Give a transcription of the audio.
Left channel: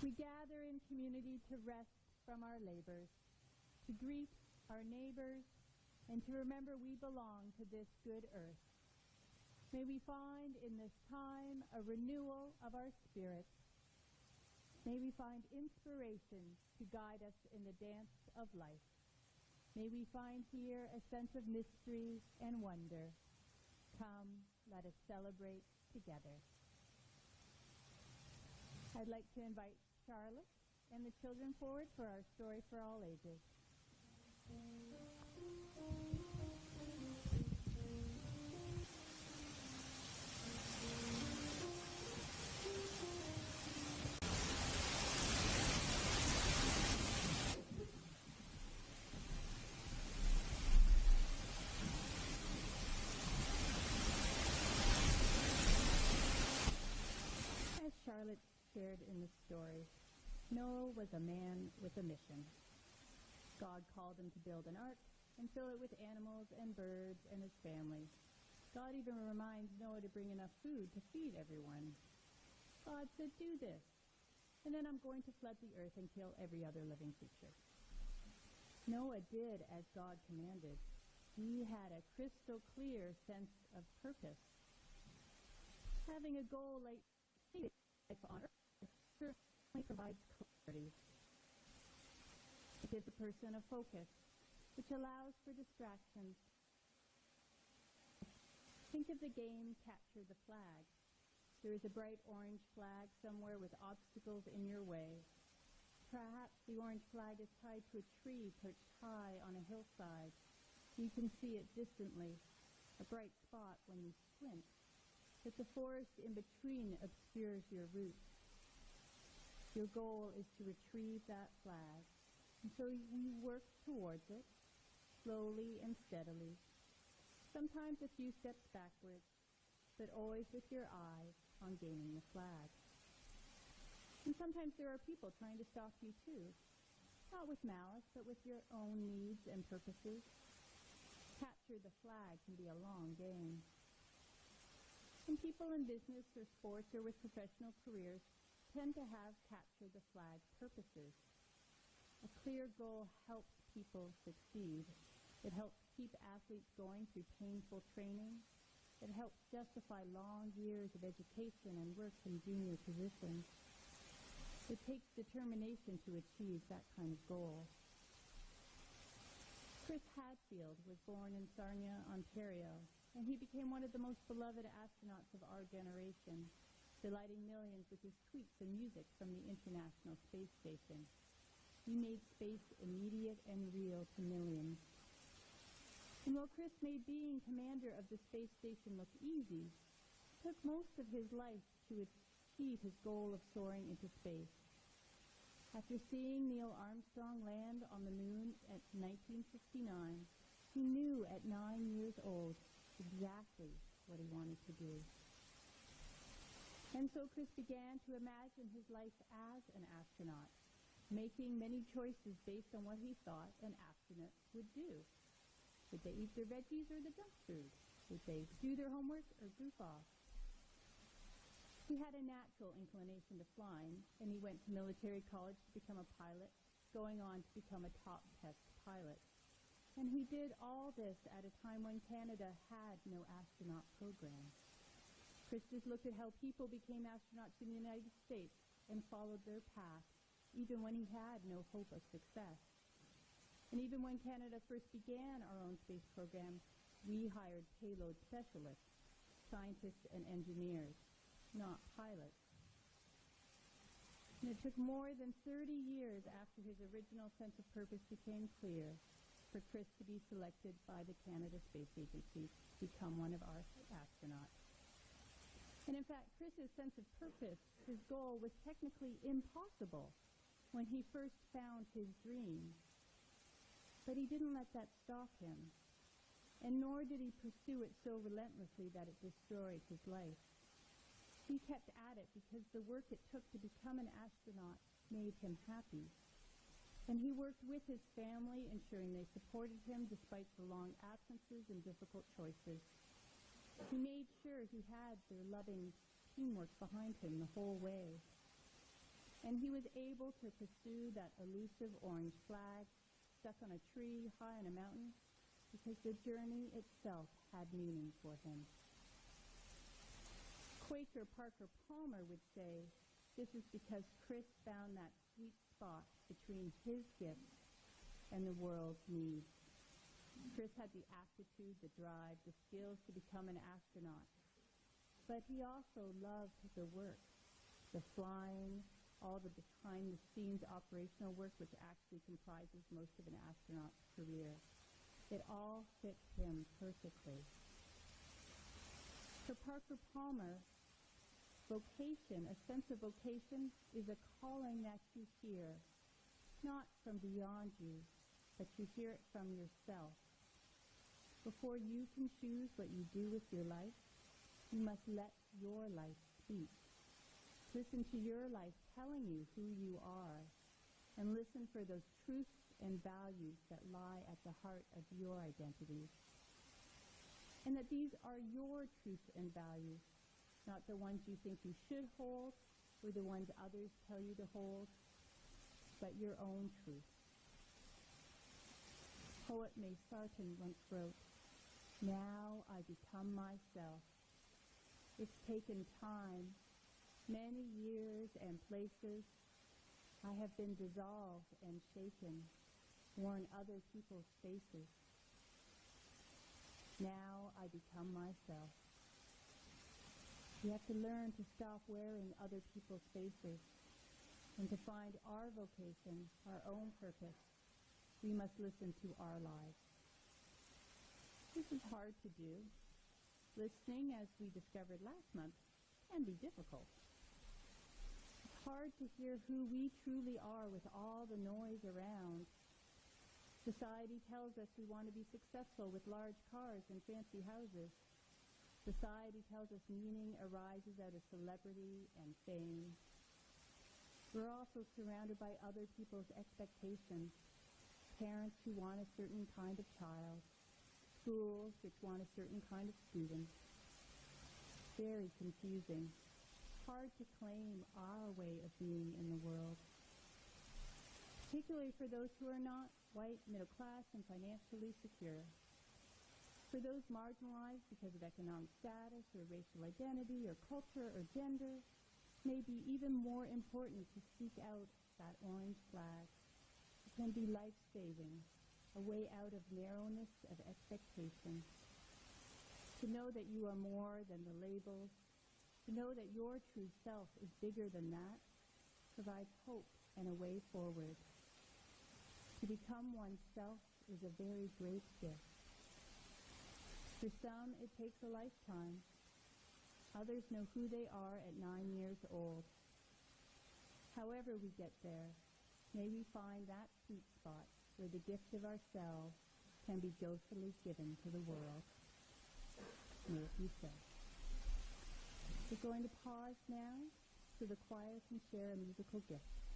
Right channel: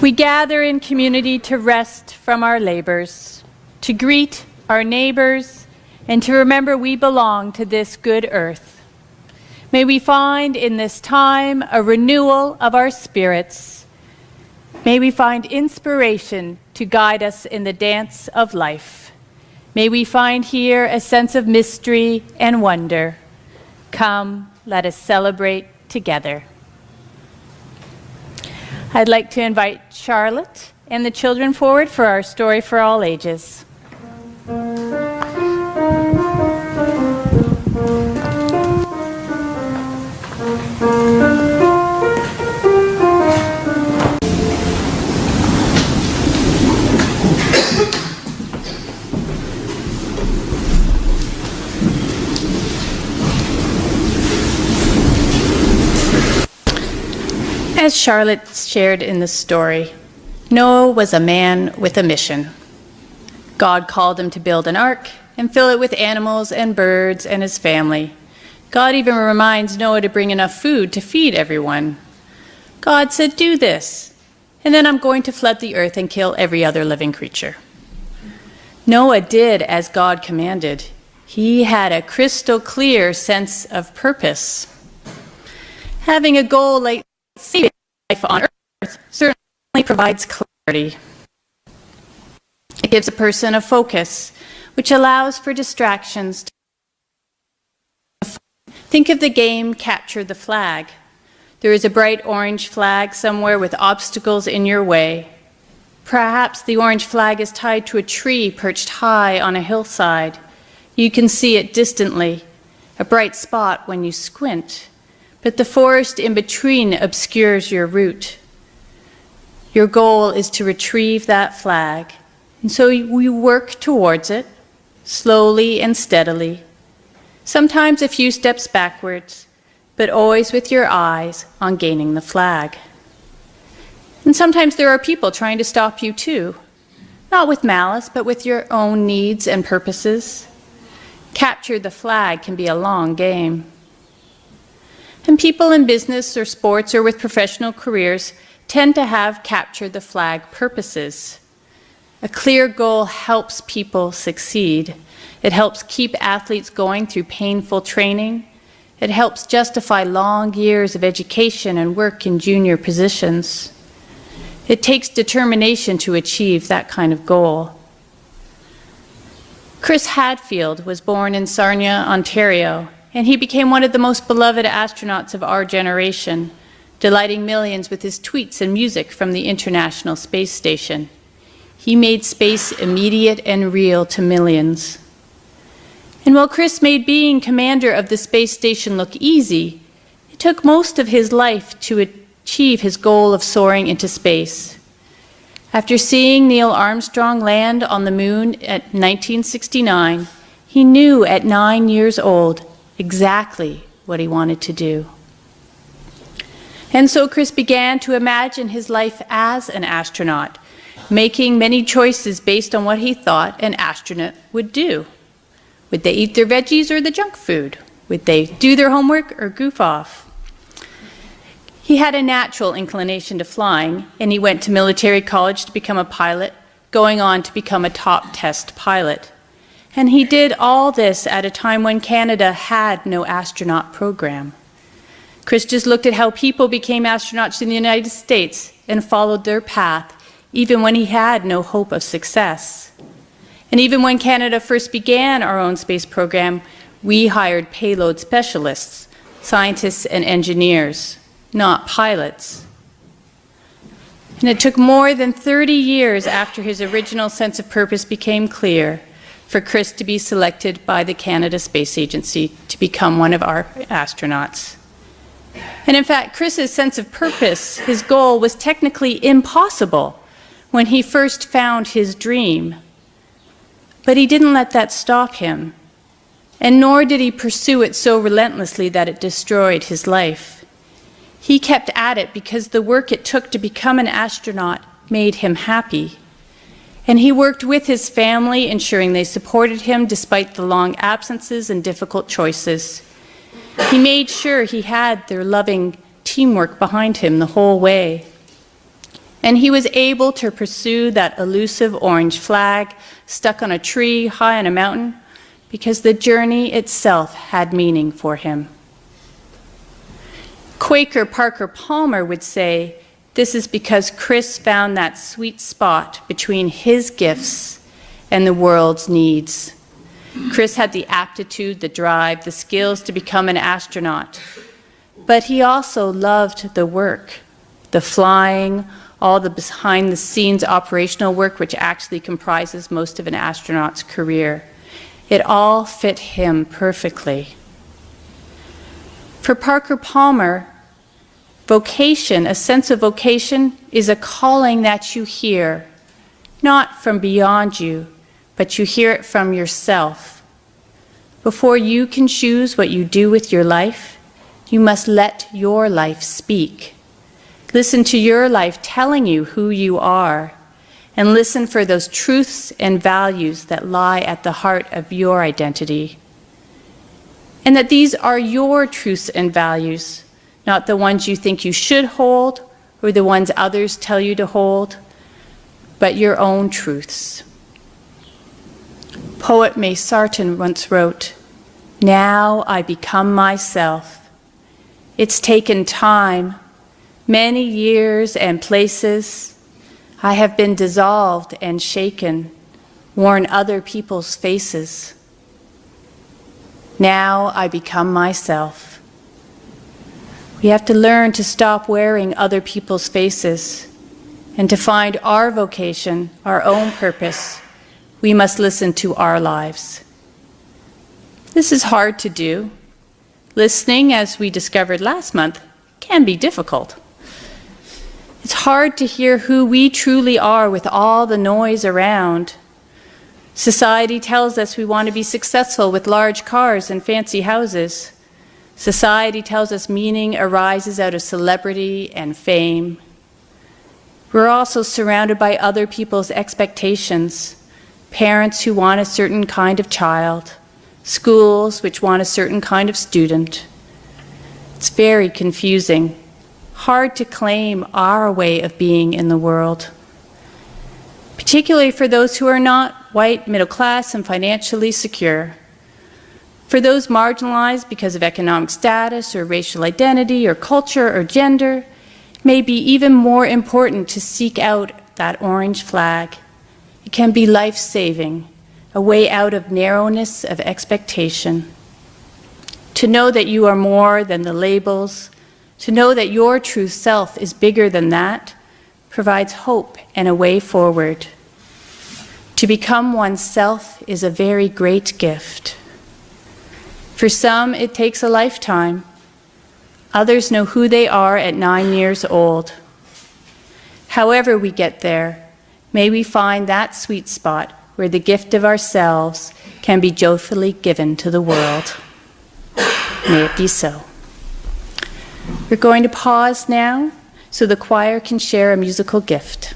We gather in community to rest from our labors, to greet our neighbors, and to remember we belong to this good earth. May we find in this time a renewal of our spirits. May we find inspiration to guide us in the dance of life. May we find here a sense of mystery and wonder. Come, let us celebrate together. I'd like to invite Charlotte and the children forward for our story for all ages. As Charlotte shared in the story, Noah was a man with a mission. God called him to build an ark and fill it with animals and birds and his family. God even reminds Noah to bring enough food to feed everyone. God said, "Do this, and then I'm going to flood the earth and kill every other living creature." Noah did as God commanded. He had a crystal clear sense of purpose. Having a goal like saving life on earth certainly provides clarity. It gives a person a focus, which allows for distractions. Think of the game Capture the Flag. There is a bright orange flag somewhere with obstacles in your way. Perhaps the orange flag is tied to a tree perched high on a hillside. You can see it distantly, a bright spot when you squint. But the forest in between obscures your route. Your goal is to retrieve that flag, and so we work towards it, slowly and steadily, sometimes a few steps backwards, but always with your eyes on gaining the flag. And sometimes there are people trying to stop you too, not with malice, but with your own needs and purposes. Capture the flag can be a long game. And people in business or sports or with professional careers tend to have capture the flag purposes. A clear goal helps people succeed. It helps keep athletes going through painful training. It helps justify long years of education and work in junior positions. It takes determination to achieve that kind of goal. Chris Hadfield was born in Sarnia, Ontario, and he became one of the most beloved astronauts of our generation, delighting millions with his tweets and music from the International Space Station. He made space immediate and real to millions. And while Chris made being commander of the space station look easy, it took most of his life to achieve his goal of soaring into space. After seeing Neil Armstrong land on the moon at 1969, he knew at 9 years old exactly what he wanted to do. And so Chris began to imagine his life as an astronaut, making many choices based on what he thought an astronaut would do. Would they eat their veggies or the junk food? Would they do their homework or goof off? He had a natural inclination to flying, and he went to military college to become a pilot, going on to become a top test pilot. And he did all this at a time when Canada had no astronaut program. Chris just looked at how people became astronauts in the United States and followed their path, even when he had no hope of success. And even when Canada first began our own space program, we hired payload specialists, scientists and engineers, not pilots. And it took more than 30 years after his original sense of purpose became clear for Chris to be selected by the Canada Space Agency to become one of our astronauts. And in fact, Chris's sense of purpose, his goal, was technically impossible when he first found his dream. But he didn't let that stop him, and nor did he pursue it so relentlessly that it destroyed his life. He kept at it because the work it took to become an astronaut made him happy. And he worked with his family, ensuring they supported him despite the long absences and difficult choices. He made sure he had their loving teamwork behind him the whole way. And he was able to pursue that elusive orange flag stuck on a tree high on a mountain because the journey itself had meaning for him. Quaker Parker Palmer would say, this is because Chris found that sweet spot between his gifts and the world's needs. Chris had the aptitude, the drive, the skills to become an astronaut. But he also loved the work, the flying, all the behind-the-scenes operational work which actually comprises most of an astronaut's career. It all fit him perfectly. For Parker Palmer, vocation, a sense of vocation, is a calling that you hear, not from beyond you, but you hear it from yourself. Before you can choose what you do with your life, you must let your life speak. Listen to your life telling you who you are, and listen for those truths and values that lie at the heart of your identity. And that these are your truths and values, not the ones you think you should hold or the ones others tell you to hold, but your own truths. Poet May Sarton once wrote, "Now I become myself. It's taken time, many years and places. I have been dissolved and shaken, worn other people's faces. Now I become myself." We have to learn to stop wearing other people's faces, and to find our vocation, our own purpose. We must listen to our lives. This is hard to do. Listening, as we discovered last month, can be difficult. It's hard to hear who we truly are with all the noise around. Society tells us we want to be successful with large cars and fancy houses. Society tells us meaning arises out of celebrity and fame. We're also surrounded by other people's expectations, parents who want a certain kind of child, schools which want a certain kind of student. It's very confusing, hard to claim our way of being in the world, particularly for those who are not white, middle class, and financially secure. For those marginalized because of economic status or racial identity or culture or gender, it may be even more important to seek out that orange flag. It can be life-saving, a way out of narrowness of expectation. To know that you are more than the labels, to know that your true self is bigger than that, provides hope and a way forward. To become oneself is a very great gift. For some, it takes a lifetime. Others know who they are at 9 years old. However we get there, may we find that sweet spot where the gift of ourselves can be joyfully given to the world. May it be so. We're going to pause now so the choir can share a musical gift.